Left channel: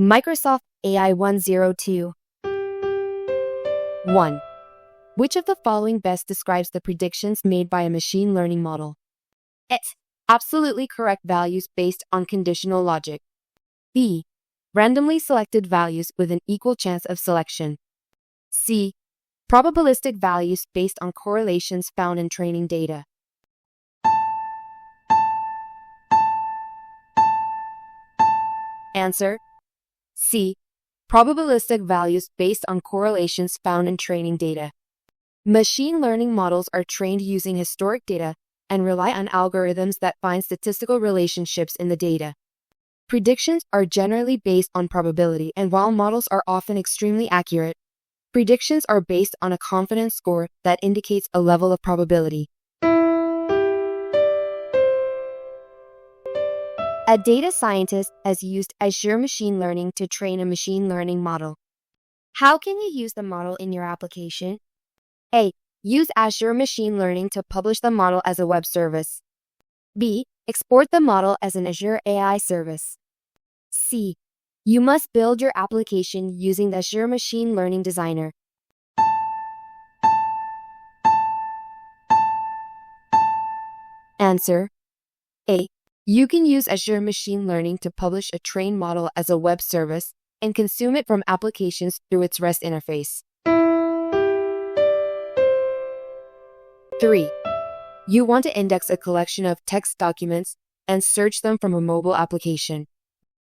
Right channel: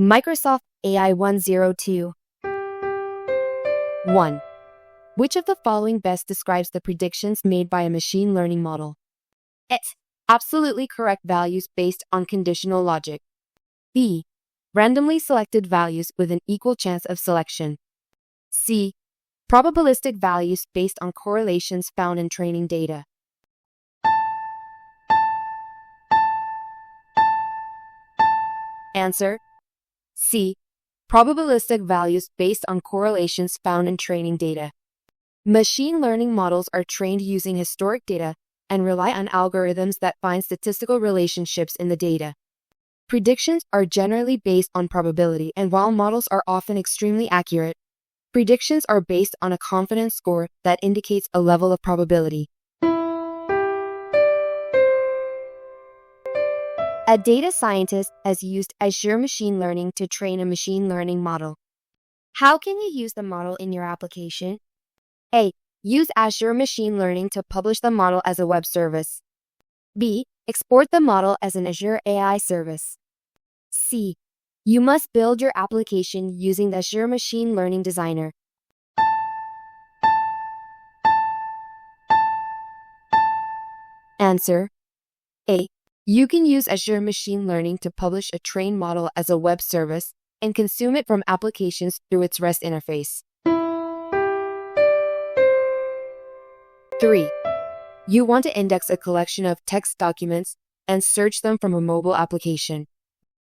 Microsoft AI 102. 1. Which of the following best describes the predictions made by a machine learning model? It's absolutely correct values based on conditional logic. B. Randomly selected values with an equal chance of selection. C. Probabilistic values based on correlations found in training data. Answer: C. Probabilistic values based on correlations found in training data. Machine learning models are trained using historic data and rely on algorithms that find statistical relationships in the data. Predictions are generally based on probability, and while models are often extremely accurate, predictions are based on a confidence score that indicates a level of probability. A data scientist has used Azure Machine Learning to train a machine learning model. How can you use the model in your application? A. Use Azure Machine Learning to publish the model as a web service. B. Export the model as an Azure AI service. C. You must build your application using the Azure Machine Learning Designer. Answer: A. You can use Azure Machine Learning to publish a trained model as a web service and consume it from applications through its REST interface. 3. You want to index a collection of text documents and search them from a mobile application.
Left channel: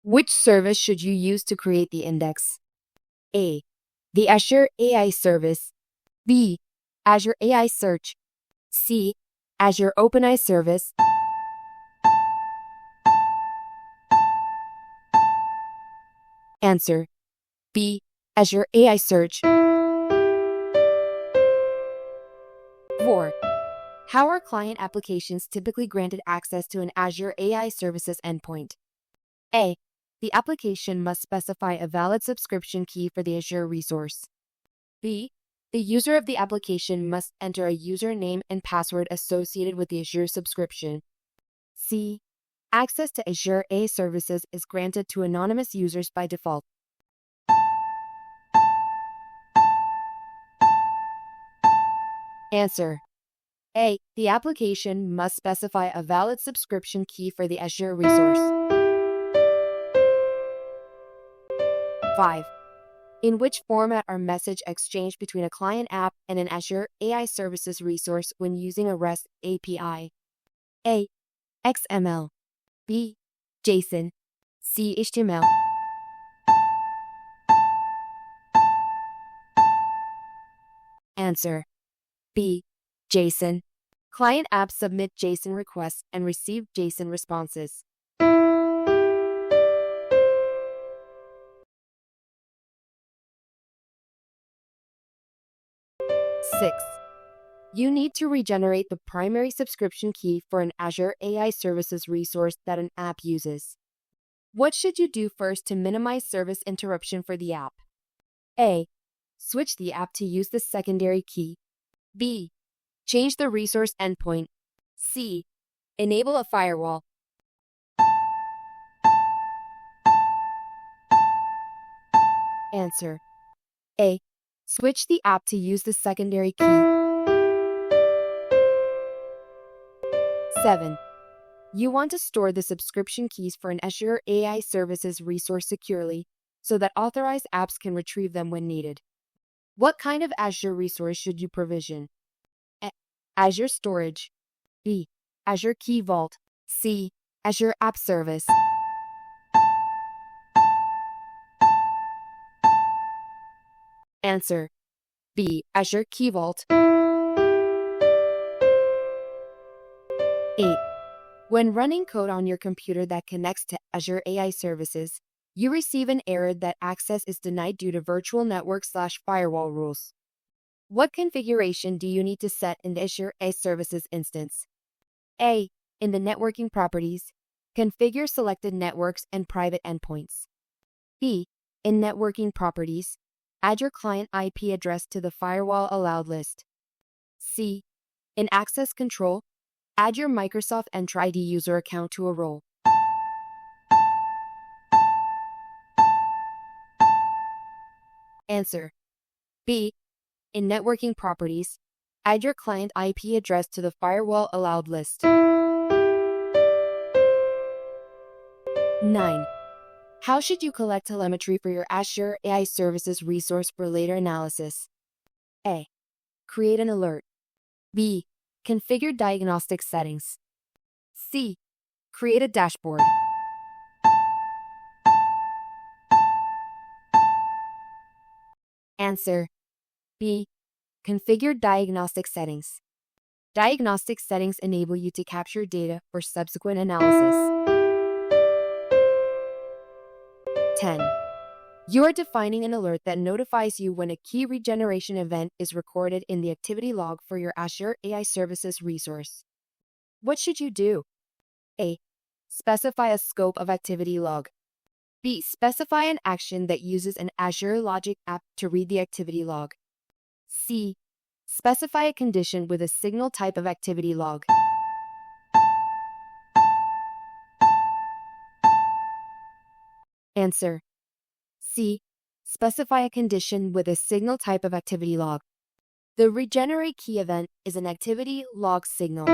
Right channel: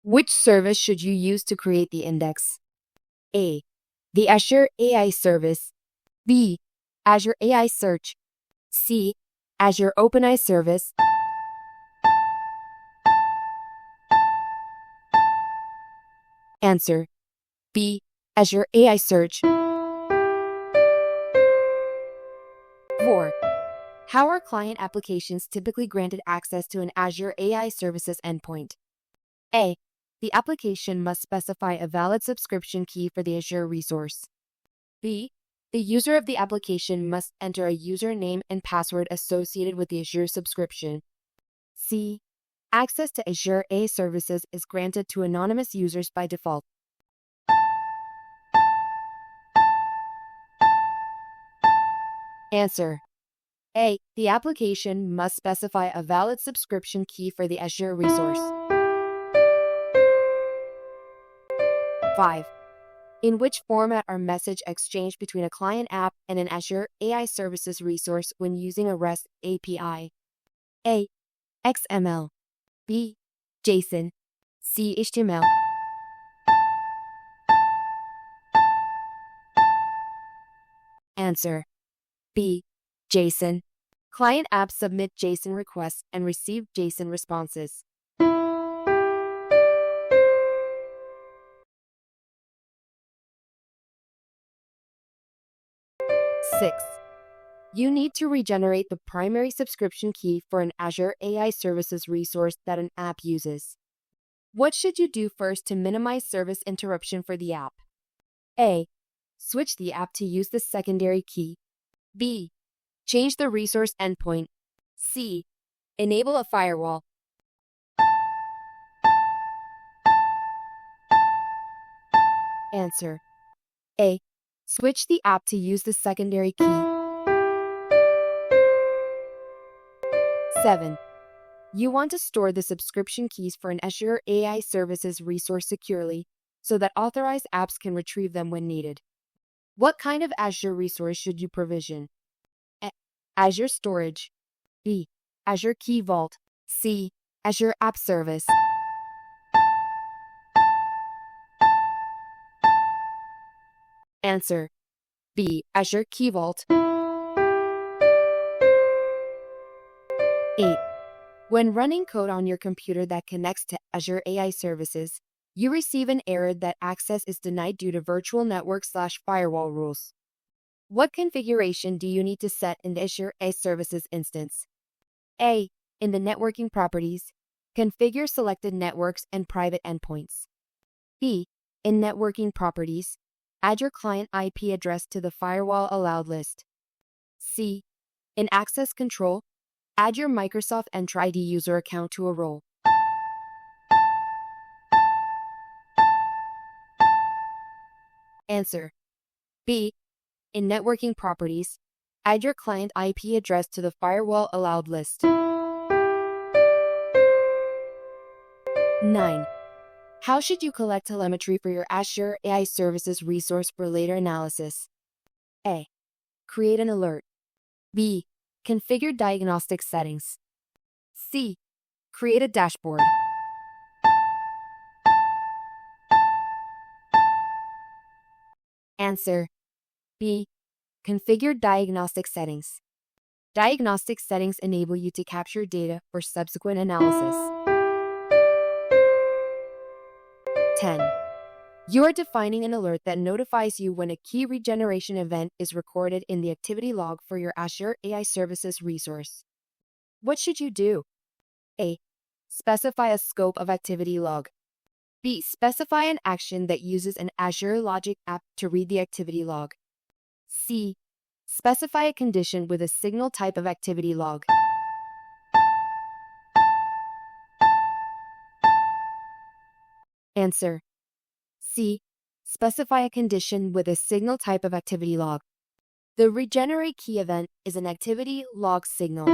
Which service should you use to create the index? A. The Azure AI Service. B. Azure AI Search. C. Azure OpenAI Service. Answer: B. Azure AI Search. 4. How are client applications typically granted access to an Azure AI Services endpoint? A. The application must specify a valid subscription key for the Azure resource. B. The user of the application must enter a username and password associated with the Azure subscription. C. Access to Azure AI Services is granted to anonymous users by default. Answer: A. The application must specify a valid subscription key for the Azure resource. 5. In which format are messages exchanged between a client app and an Azure AI Services resource when using a REST API? A. XML. B. JSON. C. HTML. Answer: B. JSON. Client apps submit JSON requests and receive JSON responses. 6. You need to regenerate the primary subscription key for an Azure AI Services resource that an app uses. What should you do first to minimize service interruption for the app? A. Switch the app to use the secondary key. B. Change the resource endpoint. C. Enable a firewall. Answer: A. Switch the app to use the secondary key. 7. You want to store the subscription keys for an Azure AI Services resource securely so that authorized apps can retrieve them when needed. What kind of Azure resource should you provision? A. Azure Storage. B. Azure Key Vault. C. Azure App Service. Answer: B. Azure Key Vault. 8. When running code on your computer that connects to Azure AI Services, you receive an error that access is denied due to virtual network/firewall rules. What configuration do you need to set in the Azure AI Services instance? A. In the networking properties, configure selected networks and private endpoints. B. In networking properties, add your client IP address to the firewall allowed list. C. In access control, add your Microsoft Entra ID user account to a role. Answer B. In networking properties, add your client IP address to the firewall allowed list. 9. How should you collect telemetry for your Azure AI Services resource for later analysis? A. Create an alert. B. Configure diagnostic settings. C. Create a dashboard. Answer B. Configure diagnostic settings. Diagnostic settings enable you to capture data for subsequent analysis. 10. You are defining an alert that notifies you when a key regeneration event is recorded in the activity log for your Azure AI Services resource. What should you do? A. Specify a scope of activity log. B. Specify an action that uses an Azure Logic app to read the activity log. C. Specify a condition with a signal type of activity log. Answer C. Specify a condition with a signal type of activity log. The regenerate key event is an activity log signal.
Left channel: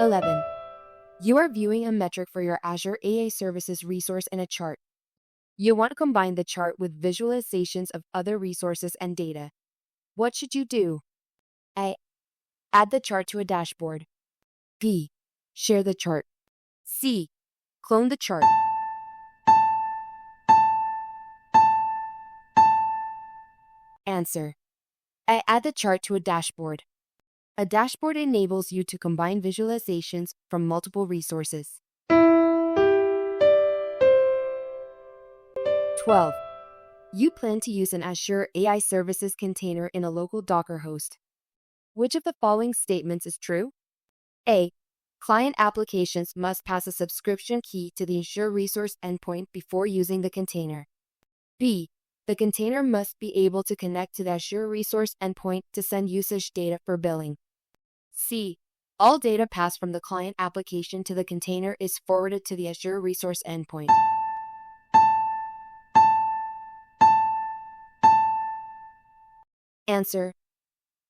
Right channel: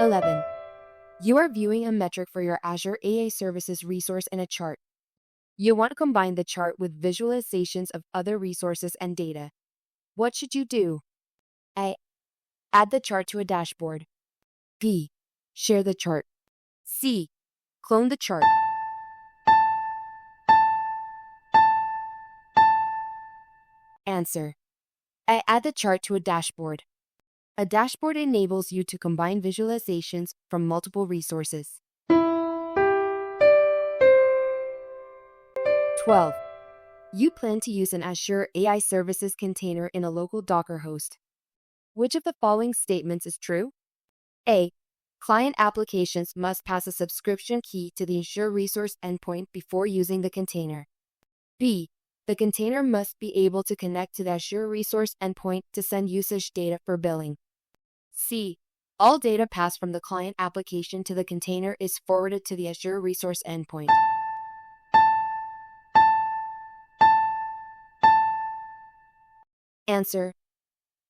11. You are viewing a metric for your Azure AI Services resource in a chart. You want to combine the chart with visualizations of other resources and data. What should you do? A. Add the chart to a dashboard. B. Share the chart. C. Clone the chart. Answer A. Add the chart to a dashboard. A dashboard enables you to combine visualizations from multiple resources. 12. You plan to use an Azure AI Services container in a local Docker host. Which of the following statements is true? A. Client applications must pass a subscription key to the Azure resource endpoint before using the container. B. The container must be able to connect to the Azure resource endpoint to send usage data for billing. C. All data passed from the client application to the container is forwarded to the Azure resource endpoint. Answer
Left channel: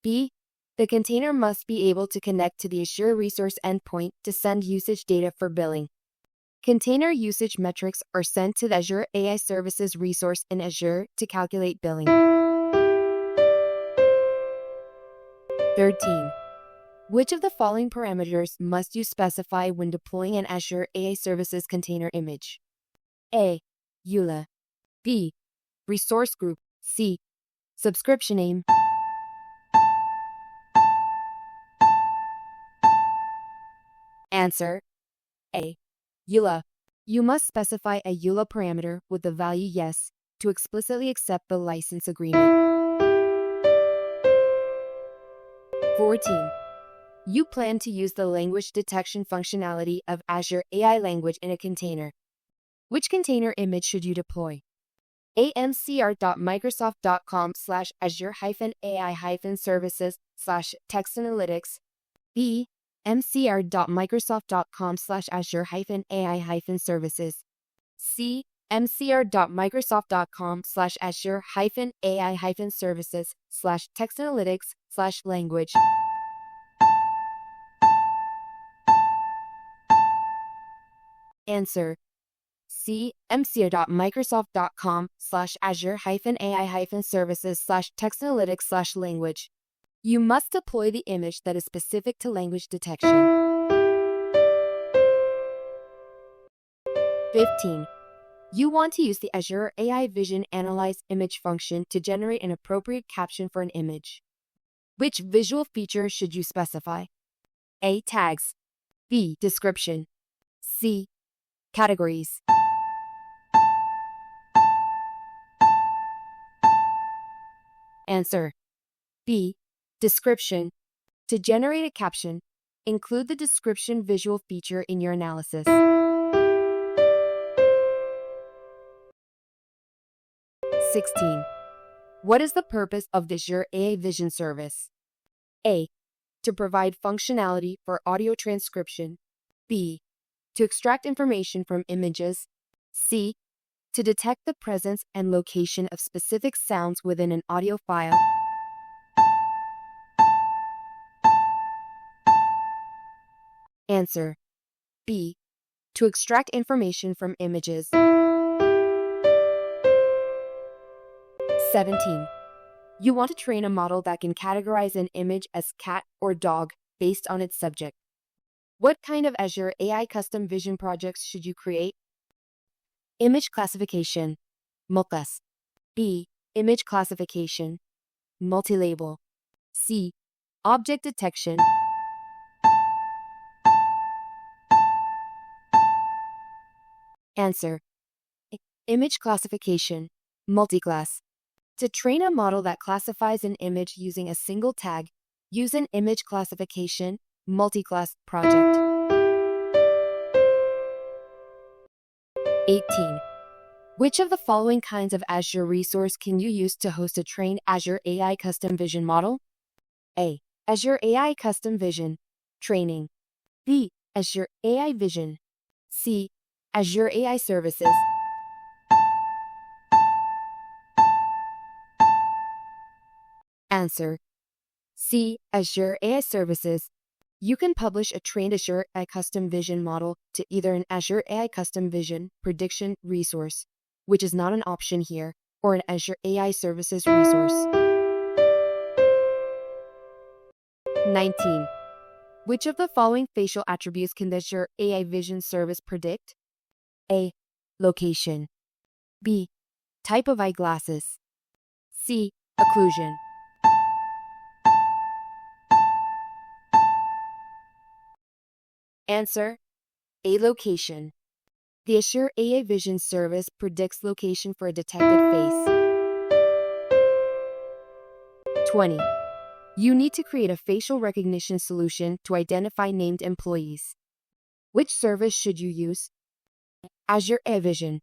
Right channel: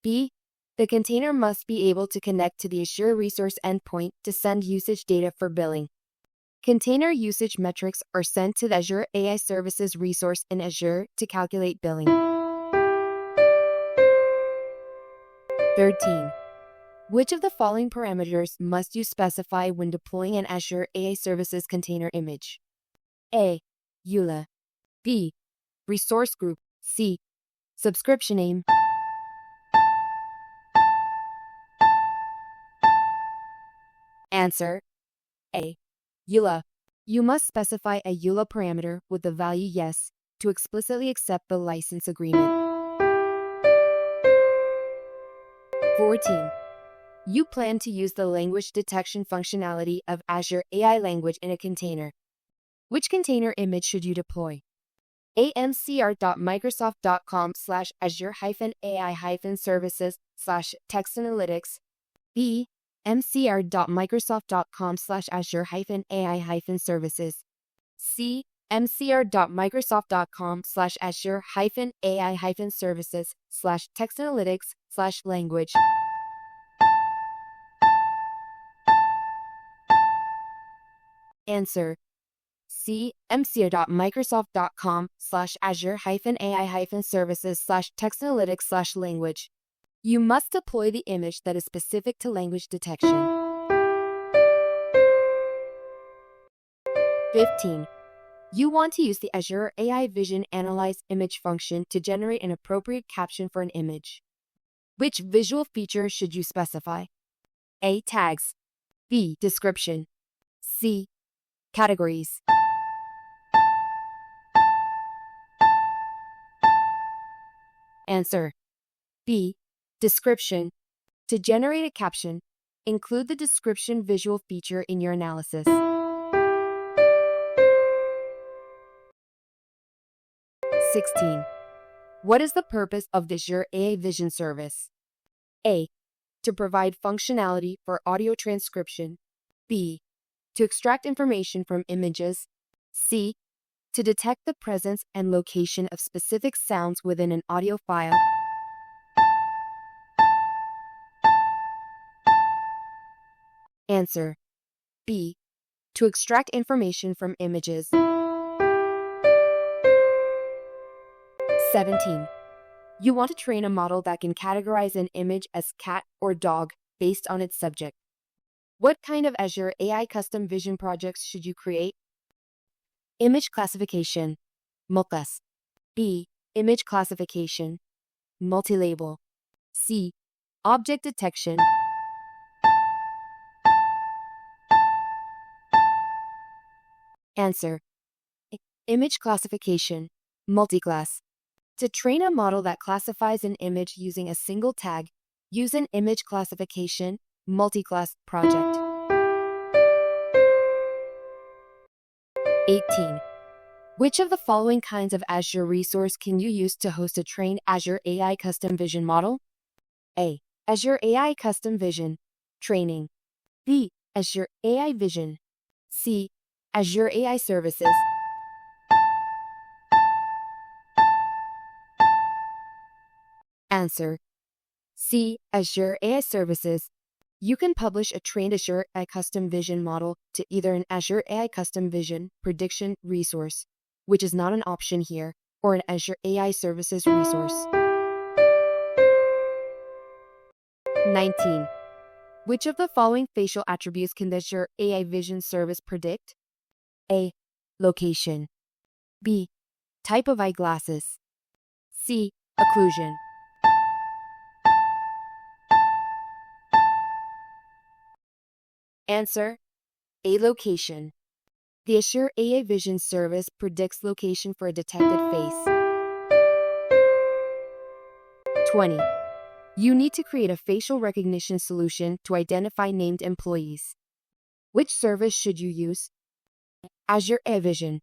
B. The container must be able to connect to the Azure resource endpoint to send usage data for billing. Container usage metrics are sent to the Azure AI Services resource in Azure to calculate billing. 13. Which of the following parameters must you specify when deploying an Azure AI Services container image? A. EULA. B. Resource group. C. Subscription name. Answer A. EULA. You must specify a EULA parameter with the value yes to explicitly accept the license agreement. 14. You plan to use the language detection functionality of Azure AI Language in a container. Which container image should you deploy? A. mcr.microsoft.com/azure-ai-services/text-analytics. B. mcr.microsoft.com/azure-ai-services. C. mcr.microsoft.com/azure-ai-services/text-analytics/language. Answer C. mcr.microsoft.com/azure-ai-services/text-analytics/language. You must deploy the image that is specific to language detection. 15. You want to use the Azure AI Vision Analyze Image function to generate an appropriate caption for an image. Which visual feature should you specify? A. Tags. B. Description. C. Categories. Answer B. Description. To generate a caption, include the description visual feature in your analysis. 16. What is the purpose of the Azure AI Vision service? A. To provide functionality for audio transcription. B. To extract information from images. C. To detect the presence and location of specific sounds within an audio file. Answer B. To extract information from images. 17. You want to train a model that can categorize an image as cat or dog based on its subject. What kind of Azure AI custom vision projects should you create? Image classification, multiclass. B. Image classification, multi-label. C. Object detection. Answer. Image classification, multiclass. To train a model that classifies an image using a single tag, use an image classification, multiclass project. 18. Which of the following kinds of Azure resource can you use to host a trained Azure AI Custom Vision model? A. Azure AI Custom Vision Training. B. Azure AI Vision. C. Azure AI Services. Answer. C. Azure AI Services. You can publish a trained Azure AI Custom Vision model to either an Azure AI Custom Vision Prediction resource, which is not an option here, or an Azure AI Services resource. 19. Which of the following facial attributes can the Azure AI Vision service predict? A. Location. B. Type of eyeglasses. C. Occlusion. Answer. A. Location. The Azure AI Vision service predicts location for a detected face. 20. You need to create a facial recognition solution to identify named employees. Which service should you use? Azure AI Vision.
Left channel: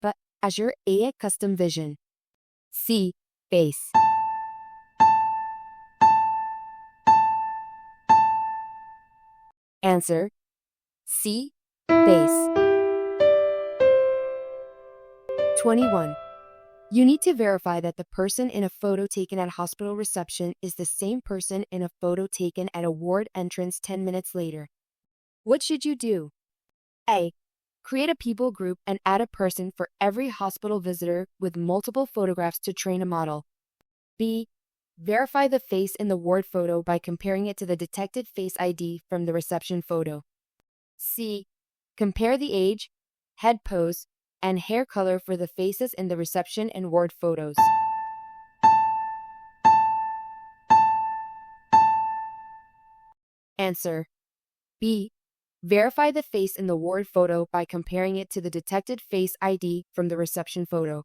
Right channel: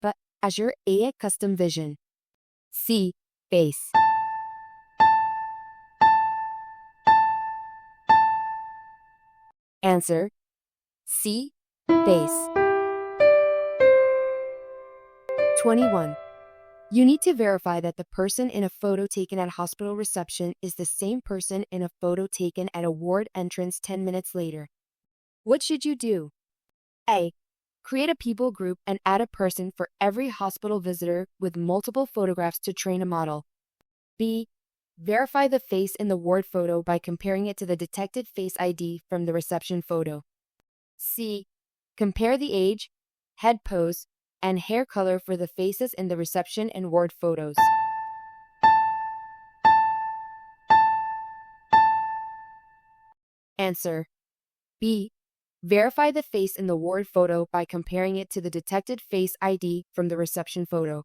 But Azure AI Custom Vision. C. Face. Answer. C. Face. 21. You need to verify that the person in a photo taken at hospital reception is the same person in a photo taken at a ward entrance 10 minutes later. What should you do? A. Create a people group and add a person for every hospital visitor with multiple photographs to train a model. B. Verify the face in the ward photo by comparing it to the detected face ID from the reception photo. C. Compare the age, head pose, and hair color for the faces in the reception and ward photos. Answer. B. Verify the face in the ward photo by comparing it to the detected face ID from the reception photo.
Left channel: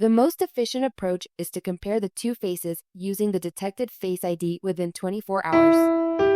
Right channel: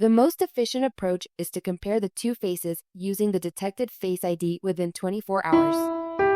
The most efficient approach is to compare the two faces using the detected face ID within 24 hours.